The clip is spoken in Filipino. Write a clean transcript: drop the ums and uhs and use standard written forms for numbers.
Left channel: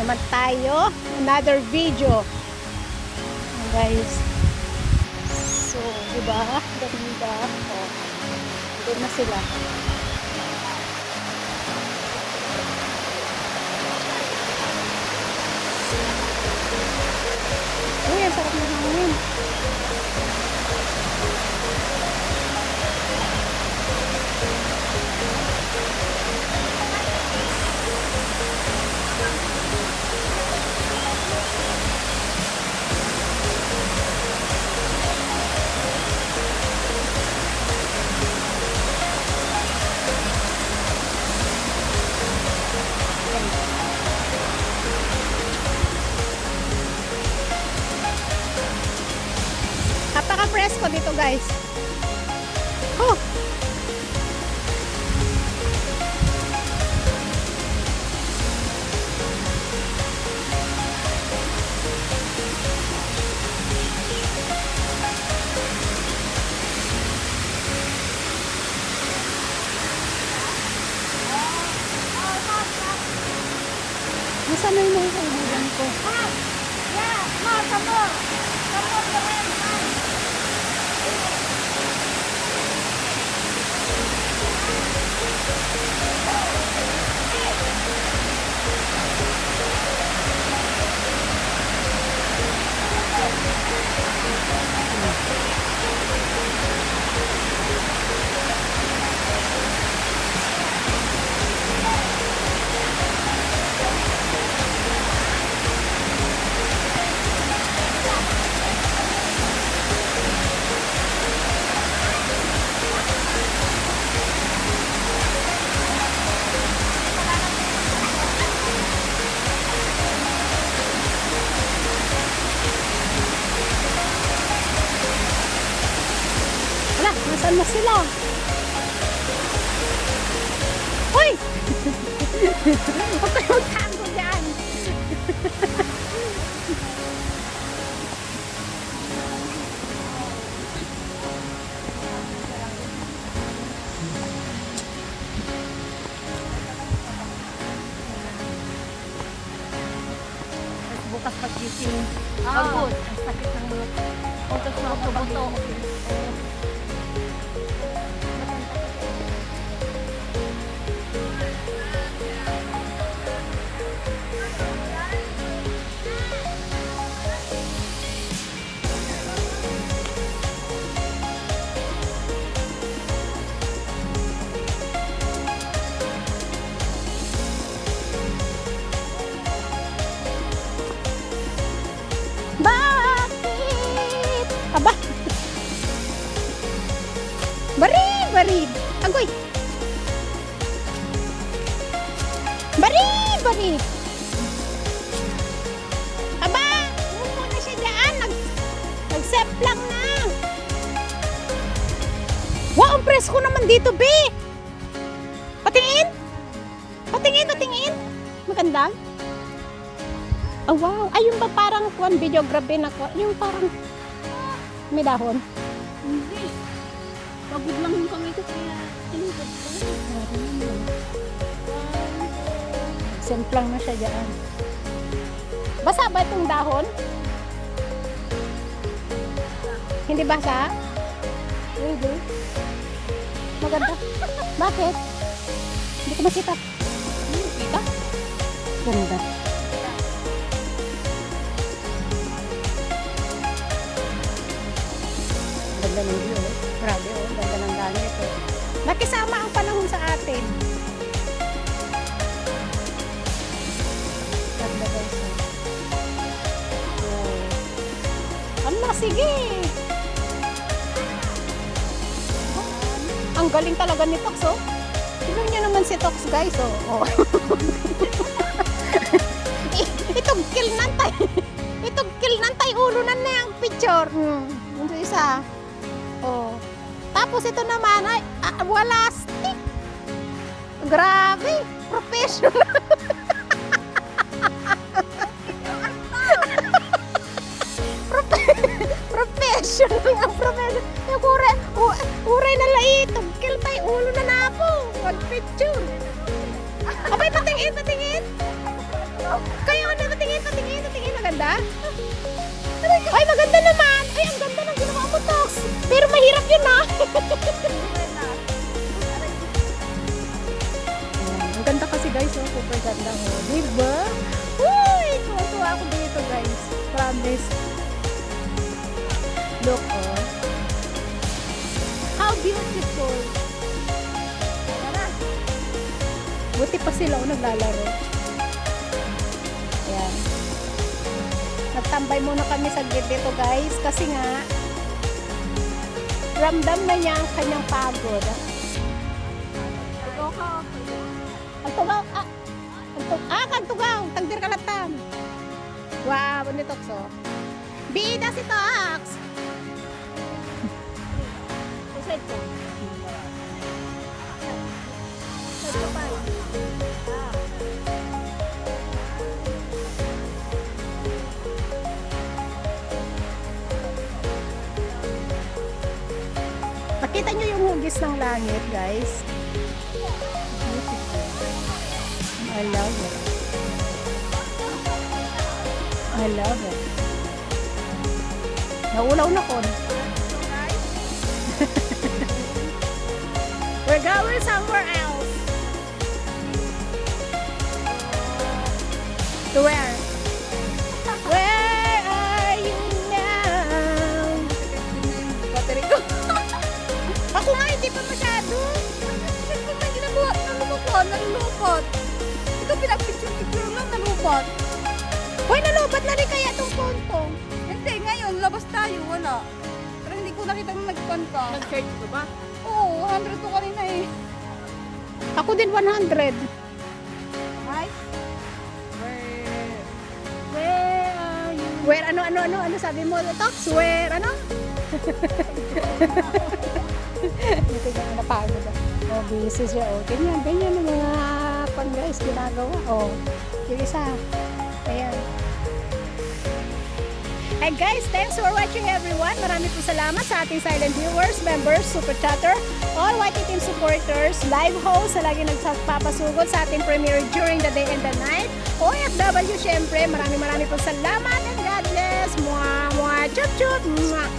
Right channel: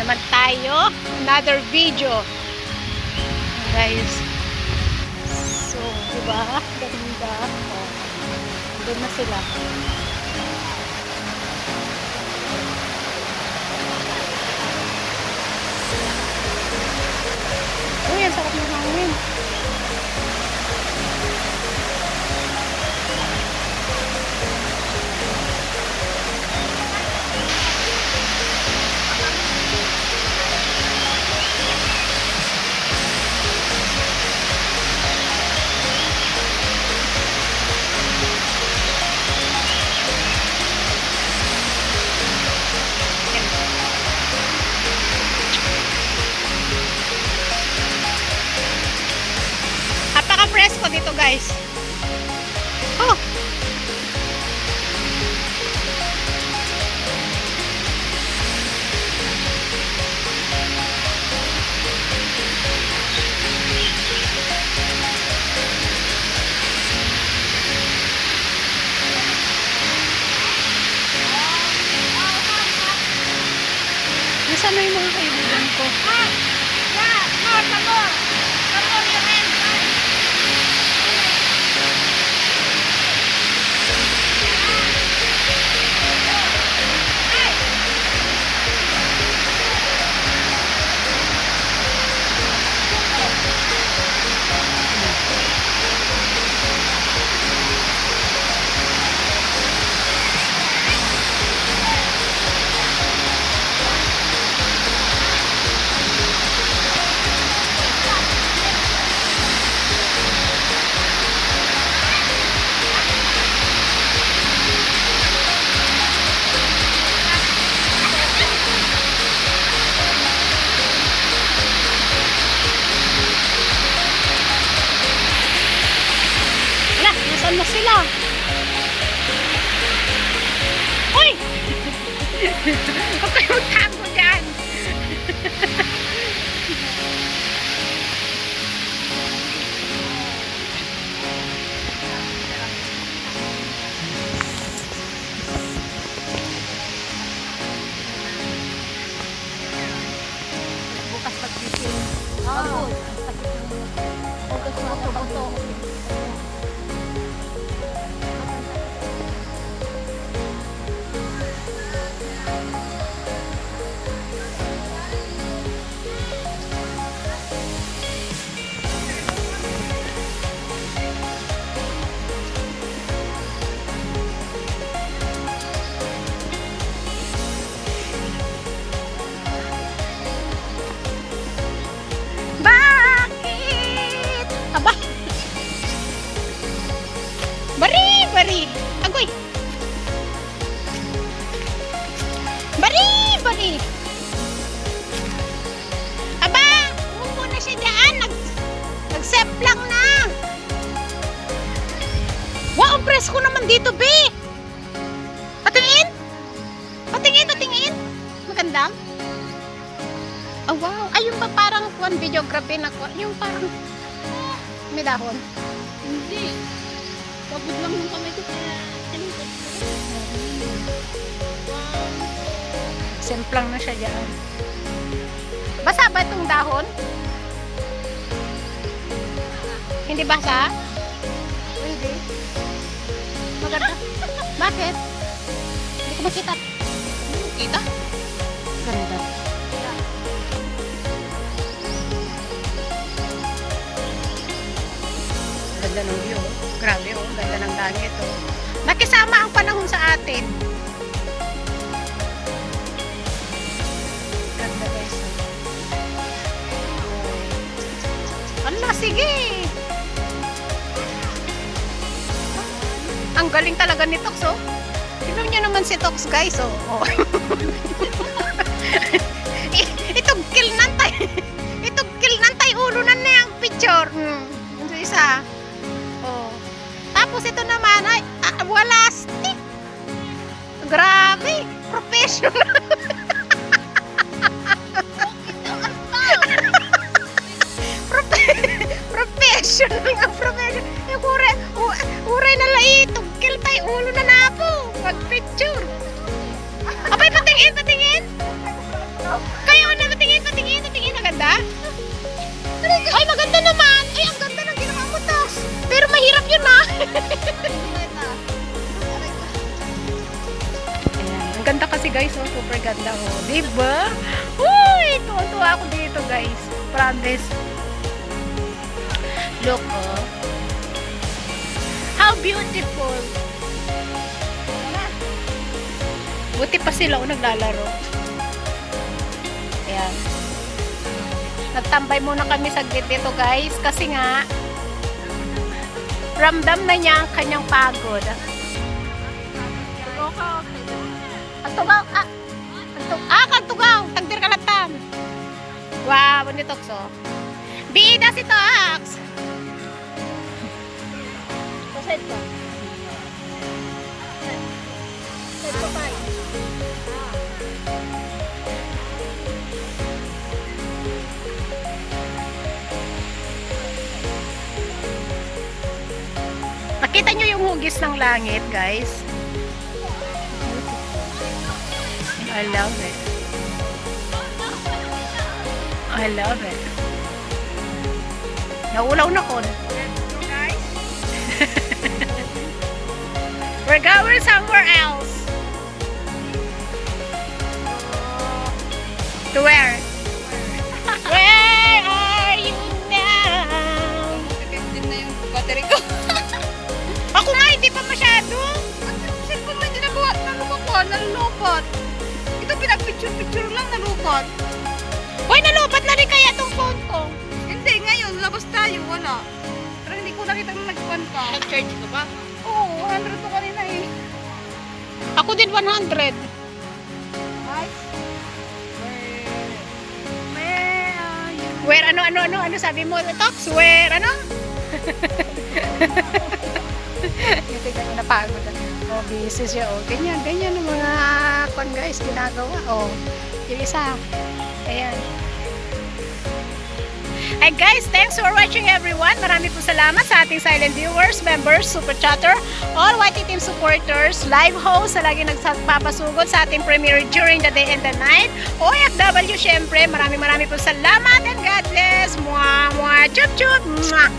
naman tayo. Another video. Guys. So, diba? Ganda. Oh. Doon na sila. Uy, ang sarap ng hangin. Napaka-presko dito, guys. Oh. Nasaan na yung mga kaibigan ko? Nasaan na sila? Uy! Huwag kayo magtago dyan! Bukas pag-gising. Oo. Ang sakit ng mga buto. Bakit? Aba! Bari! Agoy! Bari! Aba! Umupo na siya dyan. Nag-sep lang na. Wow! Ang presko naman dito, be! Patingin! Maganda? Oh, wow. Ay, yung ba parang videography na yung parang may dahon? Hindi. Pagod lang yung kamay ko kaya tinipot ko. Semplang na siya dyan. Basa ba itong dahon? Hindi basa? Hindi. Maganda. Bakit? Hindi ko makita. Kita? Ganda. Ganda ng view. Grabe, oh. Ganda ng langit, oh. Nakisama ang panahon sa atin. Ganda, guys. Oh. Ala, sige. Ang galing talaga ni Tox, oh. Tignan nyo naman si Tox, guys, oh. Oh. Itong kilnantay ulo na na yung picture. Ito isa. Oh. Tapos ito naman ay wala stick. Grabe, professional. Professional ang professional. Yung uray na lai, tugkil tayo ulo na napo. Mag picture. Abay, patingin. Kayo patingin, patingin. Maganda? Ay, maganda naman. Ay, ang ganda ng ginawa mo, Tox. Pero mahirap yun, ah. Ayan. Ang ganda kasi, guys. Oh, super ganda. Oh. Diba? Uy, tuwa ako dito, guys. Promise. Look, oh. How beautiful. Buti pa sila o naglalaro. Ayan. Nagtambay muna kami saglit dito, guys. Kasi nga, ramdam na niya ang kanyang pagod. Ang tugaw, ang tugaw. Tagdir kalatan. Wow, ano ito, so. Bida si Tox. Side ko. Side ko tayo. Nakita nyo yung hugis ng langit, guys? I love it. I love it. Naulaw na kon. We're going somewhere else. To where? Where are you now? Din na yung battery ko. Ako nga, hindi pa masyado. Kasi kung may ginabuhat na lumupot, nalulupot. Ito pinag-picture-picture lang, nalupot. Hoy, nalupat na rin kaya itong phone ko. Hindi, ngayon, labas tayo, wala. Pero hindi ko nakita nung nag-pan ka. Nag-charge ko ba? Oo, 100 ko kanina eh. Ako din 100. Hi? Where are you? Where, ano sabi mo, Tox? Where, ano? Ito yung napagod. Oh, busy siya. Oh, ganyan ang mga kwan guys, ginagawa. Oh, yung isa. Ayan. And guys, thanks for watching everyone. Marami po salamat sa ating silent viewers, members, super chatter, all YT team supporters, live hosts sa lagi nagpapasugod sa ating premiere during the day and the night. OFW, syempre, marami po salamat and God bless. Mwah, mwah, chup, chup, mwah.